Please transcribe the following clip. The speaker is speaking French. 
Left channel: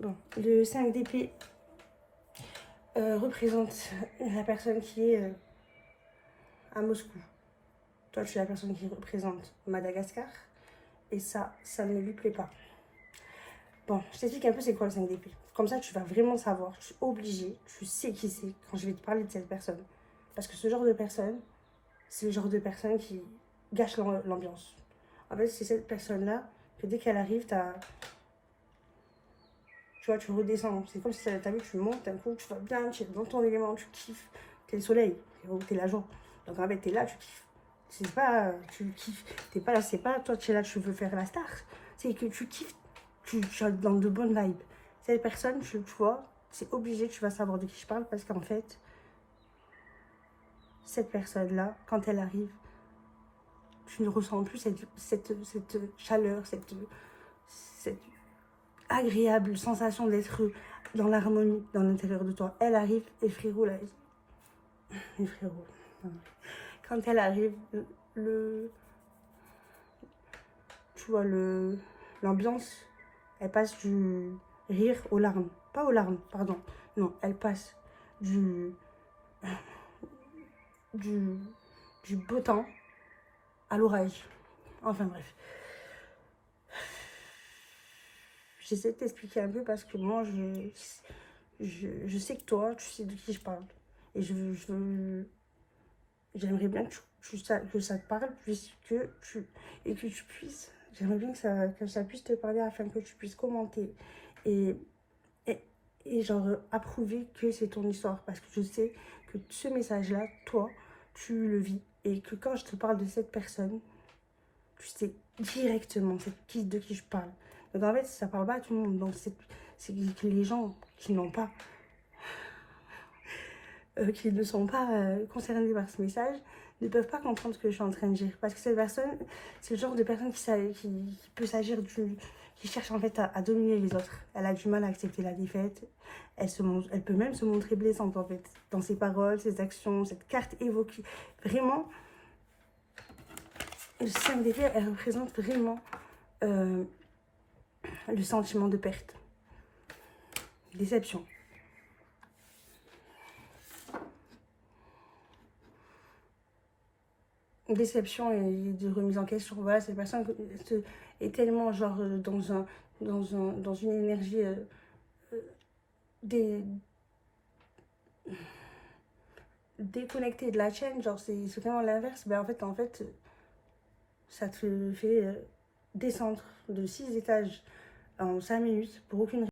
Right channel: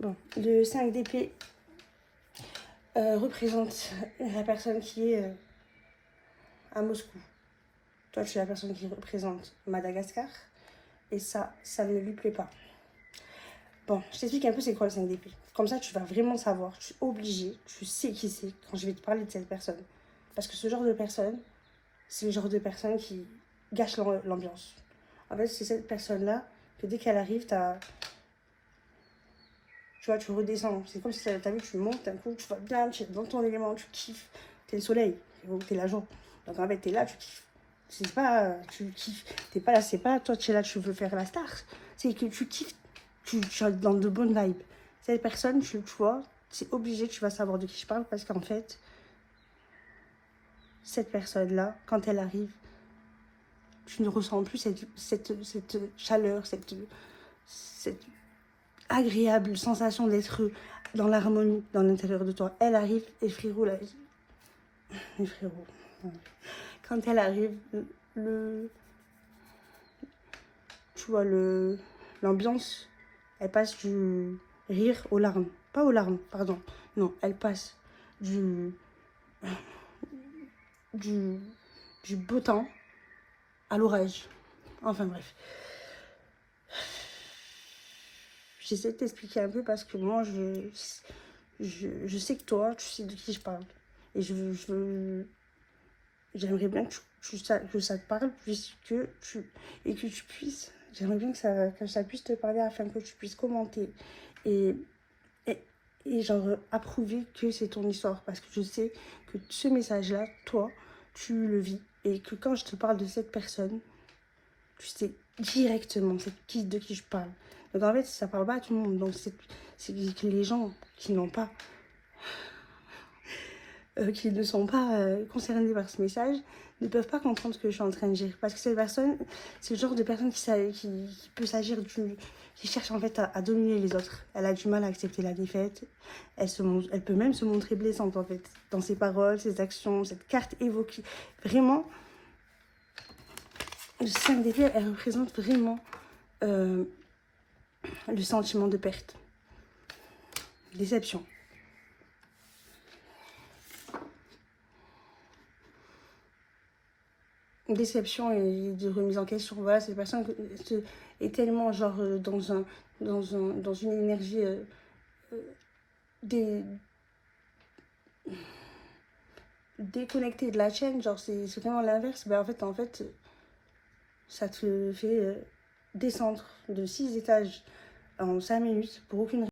Bon, le 5 d'épée représente la personne qui est à Moscou. Toi, tu es la personne qui représente Madagascar. Et ça ne lui plaît pas. Bon, je t'explique un peu c'est quoi le 5 d'épée. Comme ça, tu vas vraiment savoir. Tu es obligé, tu sais qui c'est quand je vais te parler de cette personne. Parce que ce genre de personne, c'est le genre de personne qui gâche l'ambiance. En fait, c'est cette personne-là que dès qu'elle arrive, tu vois, tu redescends. C'est comme si t'as vu, tu montes, d'un coup, tu vas bien, tu es dans ton élément, tu kiffes. T'es le soleil, t'es la joie. Donc en fait, t'es là, tu kiffes. C'est pas, tu kiffes. T'es pas là, c'est pas toi, tu es là, tu veux faire la star. C'est que tu kiffes, tu es dans de bonnes vibes. Cette personne, tu vois, c'est obligé, tu vas savoir de qui je parle parce qu'en fait, cette personne-là, quand elle arrive, tu ne ressens plus cette chaleur, cette agréable sensation d'être dans l'harmonie dans l'intérieur de toi. Elle arrive et frérot, là, et frérot, quand elle arrive, tu vois, l'ambiance, elle passe du rire aux larmes. Pas aux larmes, pardon. Non, elle passe du, du, du beau temps à l'orage. Enfin bref. J'essaie de t'expliquer un peu parce que moi, je sais que toi, tu sais de qui je parle. Et j'aimerais bien que ça te parle puisque et que tu puisses. J'aimerais bien que ça puisse te parler afin que tu puisses commenter et, et, et genre approuver que c'est ton histoire. Parce que je sais que ce message-là, toi, tu le vis. Et que quand je te parle de cette personne, tu sais directement de qui je parle. Donc en fait, ça parle pas à tout le monde. Donc c'est que les gens qui n'ont pas, qui ne sont pas concernés par ce message, ne peuvent pas comprendre ce que je suis en train de dire. Parce que cette personne, c'est le genre de personne qui peut s'agir qui cherche en fait à dominer les autres. Elle a du mal à accepter la défaite. Elle peut même se montrer blessante en fait. Dans ses paroles, ses actions, cette carte évoquée. Vraiment, le 5 d'épée, elle représente vraiment le sentiment de perte. Déception. Déception et de remise en question. Voilà, cette personne est tellement genre dans une énergie dé, déconnectée de la chaîne, genre c'est vraiment l'inverse. Ben en fait, ça te fait descendre de 6 étages en 5 minutes pour aucune raison.